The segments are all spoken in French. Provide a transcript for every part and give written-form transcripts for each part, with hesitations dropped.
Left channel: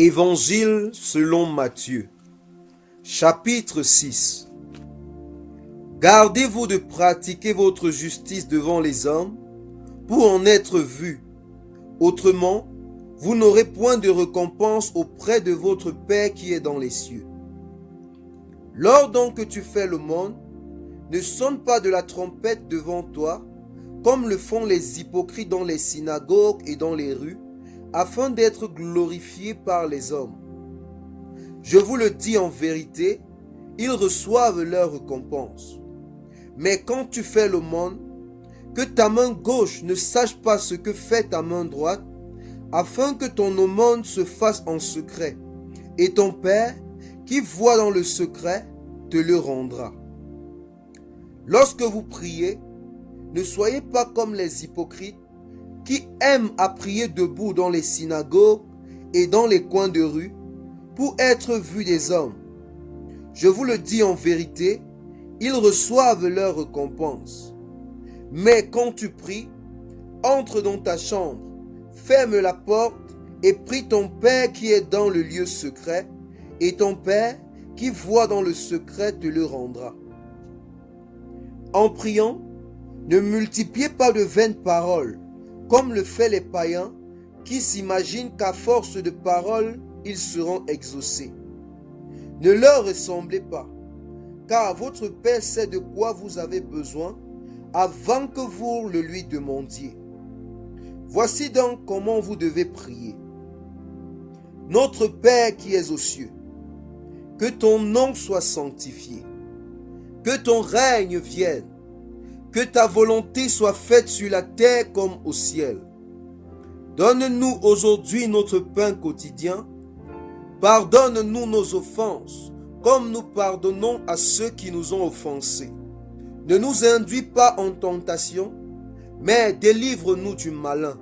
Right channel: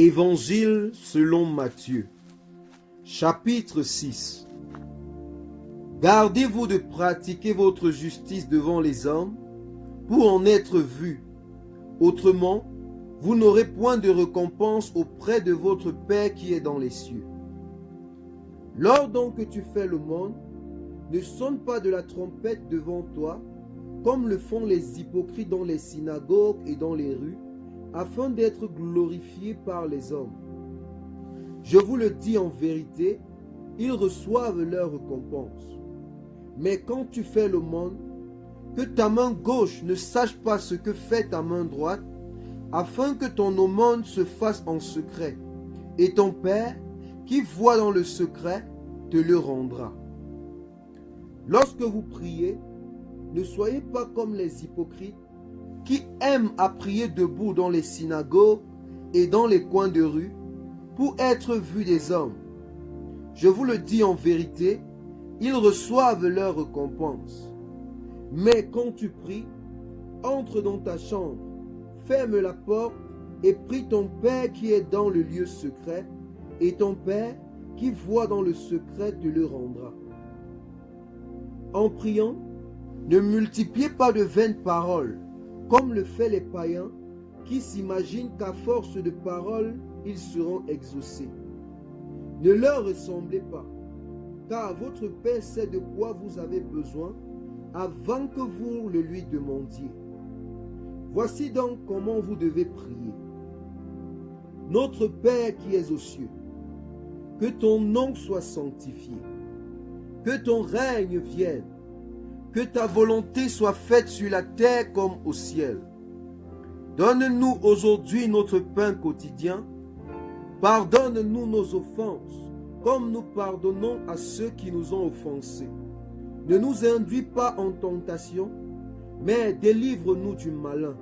Évangile selon Matthieu, chapitre 6. Gardez-vous de pratiquer votre justice devant les hommes pour en être vus. Autrement, vous n'aurez point de récompense auprès de votre Père qui est dans les cieux. Lors donc que tu fais l'aumône, ne sonne pas de la trompette devant toi, comme le font les hypocrites dans les synagogues et dans les rues, afin d'être glorifiés par les hommes. Je vous le dis en vérité, ils reçoivent leur récompense. Mais quand tu fais l'aumône, que ta main gauche ne sache pas ce que fait ta main droite, afin que ton aumône se fasse en secret, et ton Père, qui voit dans le secret, te le rendra. Lorsque vous priez, ne soyez pas comme les hypocrites, qui aiment à prier debout dans les synagogues et dans les coins de rue, pour être vus des hommes. Je vous le dis en vérité, ils reçoivent leur récompense. Mais quand tu pries, entre dans ta chambre, ferme la porte et prie ton Père qui est dans le lieu secret, et ton Père qui voit dans le secret te le rendra. En priant, ne multipliez pas de vaines paroles, comme le font les païens, qui s'imaginent qu'à force de paroles, ils seront exaucés. Ne leur ressemblez pas, car votre Père sait de quoi vous avez besoin avant que vous le lui demandiez. Voici donc comment vous devez prier. Notre Père qui es aux cieux, que ton nom soit sanctifié, que ton règne vienne, que ta volonté soit faite sur la terre comme au ciel. Donne-nous aujourd'hui notre pain quotidien. Pardonne-nous nos offenses, comme nous pardonnons à ceux qui nous ont offensés. Ne nous induis pas en tentation, mais délivre-nous du malin.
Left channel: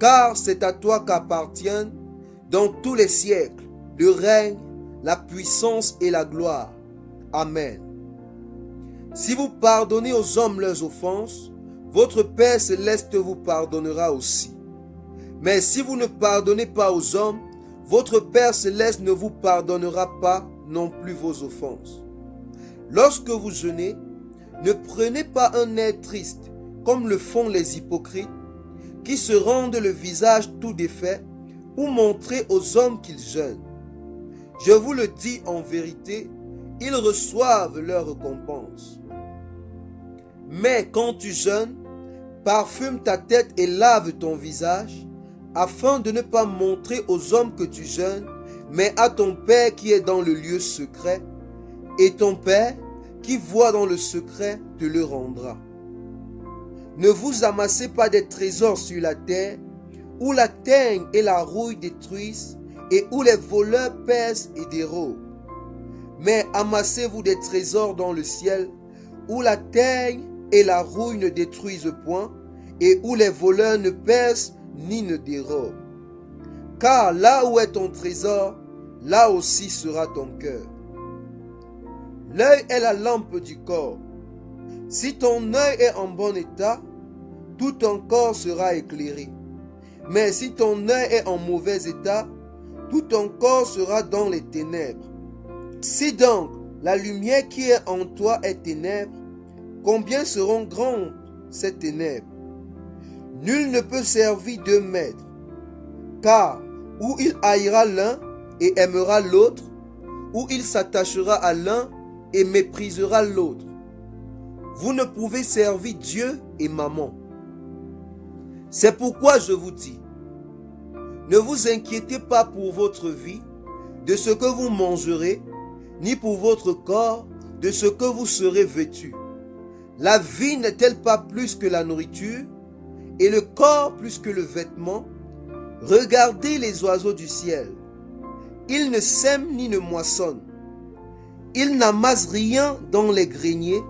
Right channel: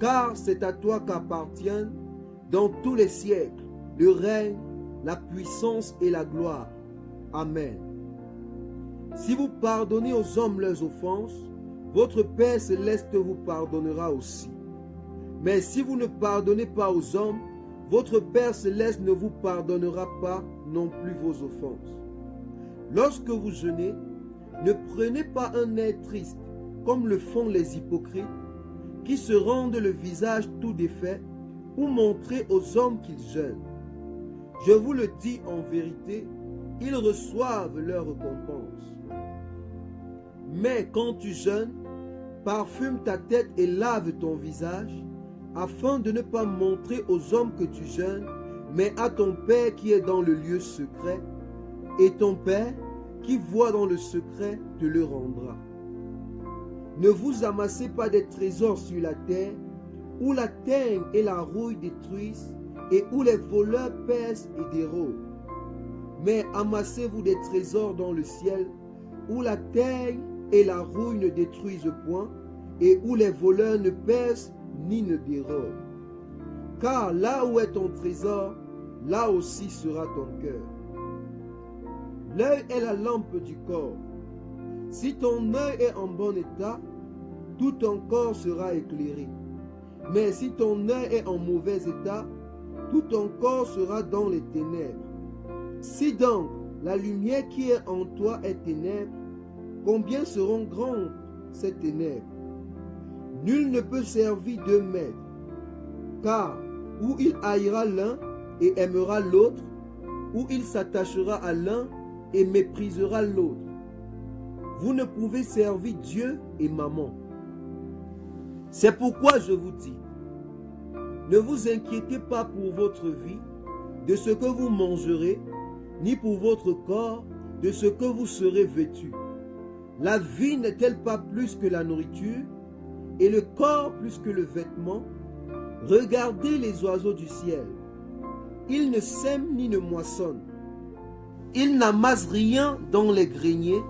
Car c'est à toi qu'appartiennent, dans tous les siècles, le règne, la puissance et la gloire. Amen. Si vous pardonnez aux hommes leurs offenses, votre Père céleste vous pardonnera aussi. Mais si vous ne pardonnez pas aux hommes, votre Père céleste ne vous pardonnera pas non plus vos offenses. Lorsque vous jeûnez, ne prenez pas un air triste, comme le font les hypocrites, qui se rendent le visage tout défait pour montrer aux hommes qu'ils jeûnent. Je vous le dis en vérité, ils reçoivent leur récompense. Mais quand tu jeûnes, parfume ta tête et lave ton visage, afin de ne pas montrer aux hommes que tu jeûnes, mais à ton Père qui est dans le lieu secret, et ton Père qui voit dans le secret te le rendra. Ne vous amassez pas des trésors sur la terre, où la teigne et la rouille détruisent, et où les voleurs percent et dérobent. Mais amassez-vous des trésors dans le ciel, où la teigne et la rouille ne détruisent point, et où les voleurs ne percent ni ne dérobent. Car là où est ton trésor, là aussi sera ton cœur. L'œil est la lampe du corps. Si ton œil est en bon état, tout ton corps sera éclairé. Mais si ton œil est en mauvais état, tout ton corps sera dans les ténèbres. Si donc la lumière qui est en toi est ténèbres, combien seront grandes ces ténèbres? Nul ne peut servir deux maîtres, car ou il haïra l'un et aimera l'autre, ou il s'attachera à l'un et méprisera l'autre. Vous ne pouvez servir Dieu et Mammon. C'est pourquoi je vous dis, ne vous inquiétez pas pour votre vie, de ce que vous mangerez, ni pour votre corps, de ce que vous serez vêtus. La vie n'est-elle pas plus que la nourriture, et le corps plus que le vêtement? Regardez les oiseaux du ciel. Ils ne sèment ni ne moissonnent. Ils n'amassent rien dans les greniers,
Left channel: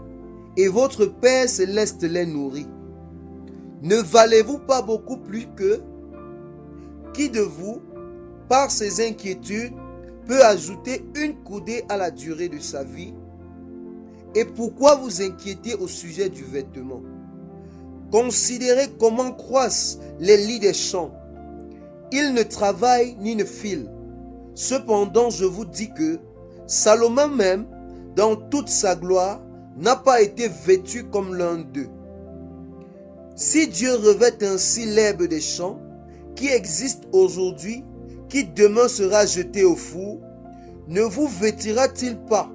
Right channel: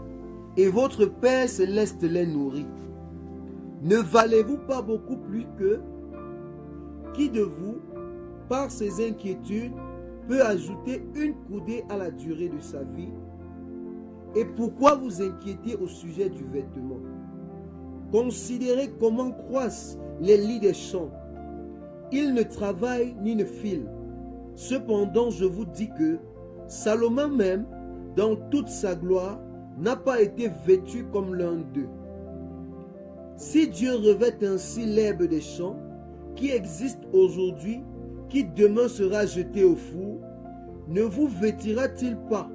et votre Père céleste les nourrit. Ne valez-vous pas beaucoup plus qu'eux? Qui de vous, par ses inquiétudes, peut ajouter une coudée à la durée de sa vie? Et pourquoi vous inquiétez au sujet du vêtement? Considérez comment croissent les lits des champs. Ils ne travaillent ni ne filent. Cependant, je vous dis que Salomon même, dans toute sa gloire, n'a pas été vêtu comme l'un d'eux. Si Dieu revêt ainsi l'herbe des champs, qui existe aujourd'hui, qui demain sera jetée au four, ne vous vêtira-t-il pas,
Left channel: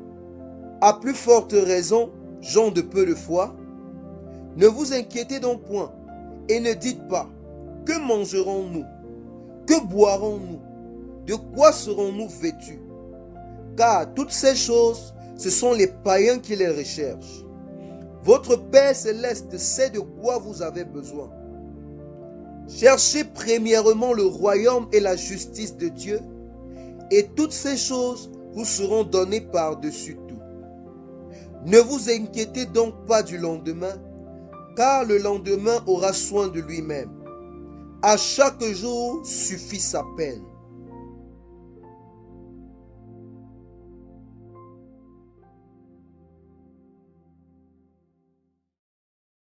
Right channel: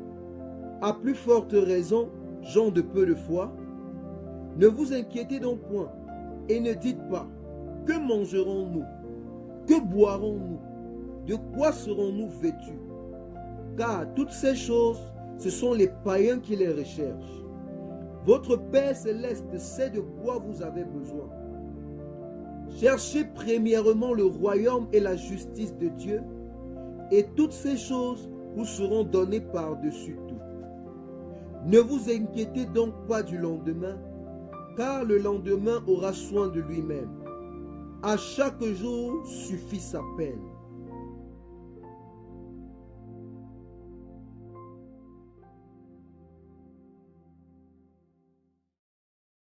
à plus forte raison, gens de peu de foi? Ne vous inquiétez donc point, et ne dites pas, que mangerons-nous? Que boirons-nous? De quoi serons-nous vêtus? Car toutes ces choses, ce sont les païens qui les recherchent. Votre Père céleste sait de quoi vous avez besoin. Cherchez premièrement le royaume et la justice de Dieu, et toutes ces choses vous seront données par-dessus tout. Ne vous inquiétez donc pas du lendemain, car le lendemain aura soin de lui-même. À chaque jour suffit sa peine.